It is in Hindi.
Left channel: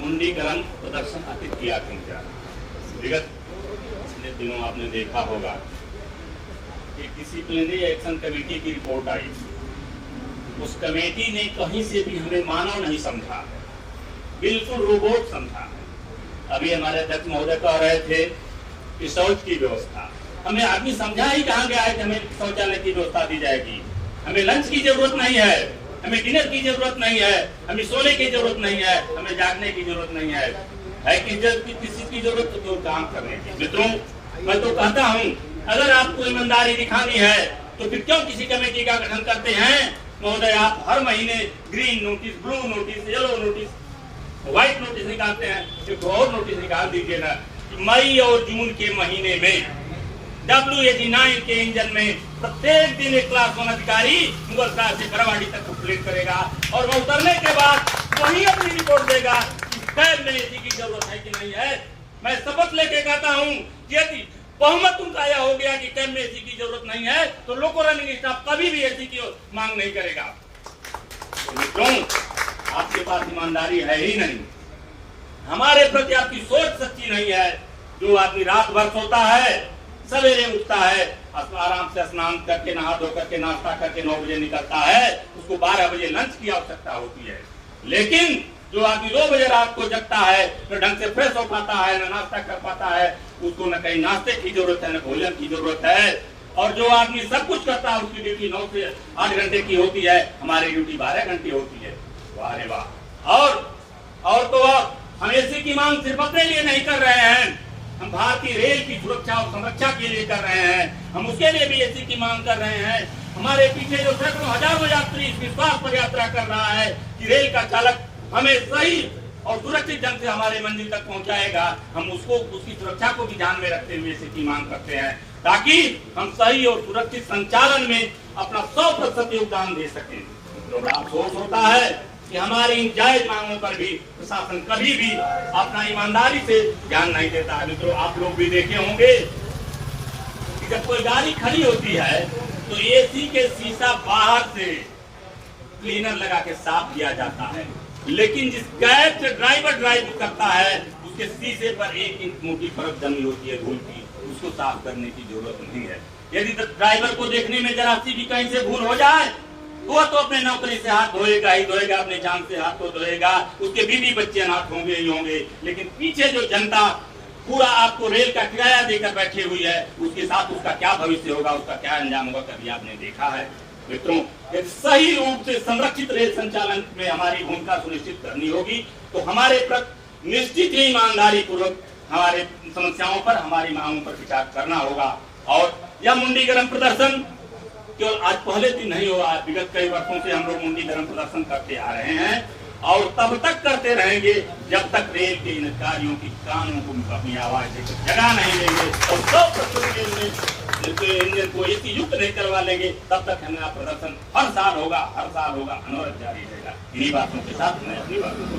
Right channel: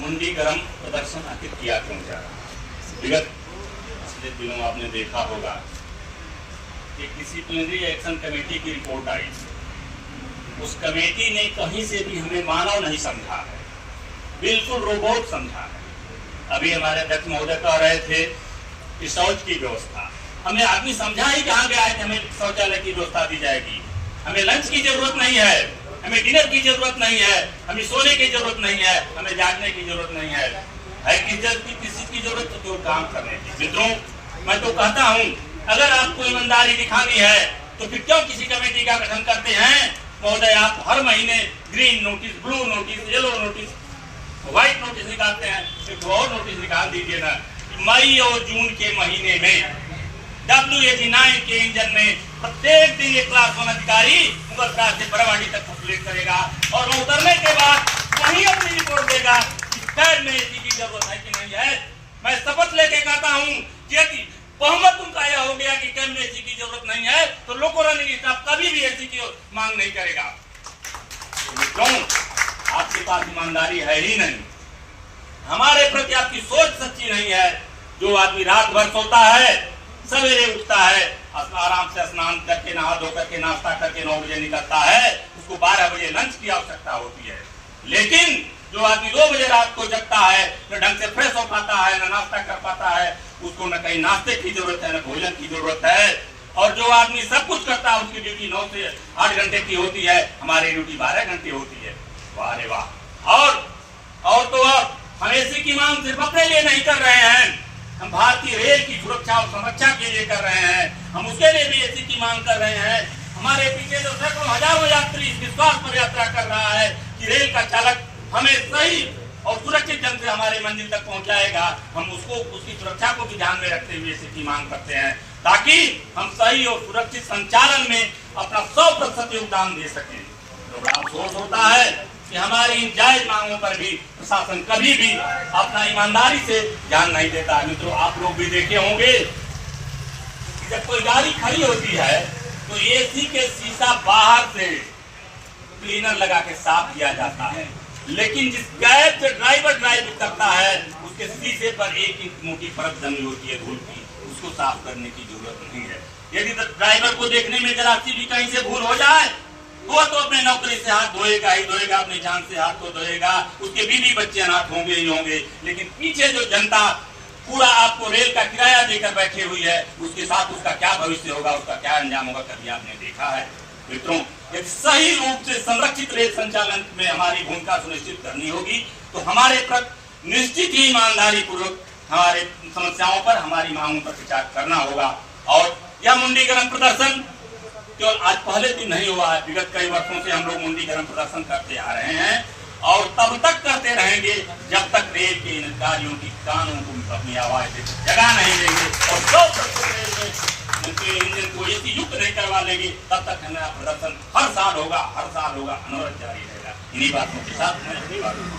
मुंडी गरम प्रदर्शन आखिर किया क्यों जा रहा है? विगत पिछले दिनों आपने देखा होगा कि डिसिप्लिनरी एक्शन कमेटी की रिपोर्ट आई। उस कमेटी ने कहीं से भी हमें मानव नहीं समझा है, बिल्कुल रोबोट समझा है। अभी हमारे अध्यक्ष महोदय कह रहे थे कि शौच की व्यवस्था, हमने आदमी समझा ही कहाँ गया है कि हमें शौचालय की व्यवस्था दी जाएगी। हमें लंच की जरूरत नहीं है, हमें डिनर की जरूरत नहीं है, हमें सोने की जरूरत नहीं है, हमें जागने की जरूरत नहीं है किसी की जरूरत तो केवल काम करने की। मित्रों, मैं तो कहता हूँ अगर आपको ईमानदारी दिखानी है तो फिर क्यों किसी कमेटी का गठन करते हैं महोदय? आप हर महीने green notice, blue notice, yellow notice, white notice निकालते हैं, एक और नोटिस निकाल दीजिए ना। मई और जून के महीने में WAG-9 के इंजन में प्रत्येक दिन एक क्लास 1 अधिकारी मुगल क्रास से बरावाड़ी तक कंप्लीट करेगा और वह उतरने के बाद वही अपनी रिपोर्ट देगा कि कैब में एसी की जरूरत है कि नहीं है। मैं शपथ लेके कहता हूँ यदि बहुमत उनका यह हो गया कि कैब में एसी की जरूरत नहीं है तो लोको रनिंग स्टाफ कभी भी एसी की मांग नहीं करेगा। क्यों? आपके पास ईमानदारी है ही नहीं, हमारे प्रति आपकी सोच सच्ची नहीं है। जो आदमी रात भर सोता है, सवेरे उठता है, आराम से स्नान करके नहा धो करके नाश्ता करके 9 बजे निकलता है, उसको 12 बजे लंच की आवश्यकता होती है। लेकिन जो आदमी 2 बजे रात को जगता है, न ढंग से फ्रेश हो पाता है, न नाश्ता कर पाता है, उसको न कहीं नाश्ते की जरूरत है, न भोजन की जरूरत है। और जो आदमी सब कुछ करता है उसकी ड्यूटी 9 से 8 घंटे की होती है, हमारी ड्यूटी 12 घंटे होती है। वाह रे वाह। और तो हम एसी की मांग सिर्फ अपने लिए नहीं कर रहे हैं, हम भारतीय रेल की सुरक्षा और संरक्षा के लिए कर रहे हैं, हम उसके लिए भी एसी की मांग कर रहे हैं। हमारे पीछे जो सैकड़ों हजारों यात्री इस विश्वास पर यात्रा कर रहा है कि रेल का चालक हमें सही और सुरक्षित ढंग से हमारे मंजिल तक पहुंचाएगा, हम उसको उसकी सुरक्षा को भी ध्यान में रखते हुए एसी की मांग करते हैं ताकि हम सही और सुरक्षित संचालन में अपना 100% योगदान दे सकें। तो बड़ा अफसोस होता है कि हमारी इन जायज मांगों पर भी प्रशासन कभी भी अपना ईमानदारी से ध्यान नहीं देता। मित्रों, आप लोग भी देखे होंगे कि जब कोई गाड़ी खड़ी होती है तो एसी के शीशा बाहर से क्लीनर लगा के साफ किया जाता है, लेकिन जिस कैब से ड्राइवर ड्राइव करता है उसके शीशे पर 1 इंच मोटी परत जमी होती है धूल की, उसको साफ करने की जरूरत नहीं है। यदि ड्राइवर को देखने में जरा सी भी कहीं से भूल हो जाए वो तो अपने नौकरी से हाथ धोएगा ही धोएगा, अपनी जान से हाथ तो धोएगा, उसके बीवी बच्चे अनाथ होंगे ही होंगे। लेकिन पीछे जो जनता पूरा आपको रेल का किराया देकर बैठी हुई है उसके साथ उसका क्या भविष्य होगा, उसका क्या अंजाम होगा, कभी आपने देखा है? मित्रों, यदि सही रूप से संरक्षित रेल संचालन में हमारी भूमिका सुनिश्चित करनी होगी तो हमारे प्रति निश्चित ही ईमानदारी पूर्वक हमारे समस्याओं पर, हमारी मांगों पर विचार करना होगा। और यह मुंडी गरम प्रदर्शन केवल आज पहले दिन नहीं हुआ है, विगत कई वर्षों से हम लोग मुंडी गरम प्रदर्शन करते आ रहे हैं और तब तक करते रहेंगे जब तक रेल के इन कार्यों की कानों को अपनी आवाज देकर जगा नहीं लेंगे और 100% इंजन को एसी युक्त नहीं करवा लेंगे तब तक हमारा प्रदर्शन हर साल होगा, अनवरत जारी रहेगा। इन्हीं बातों के साथ मैं अपनी बातों को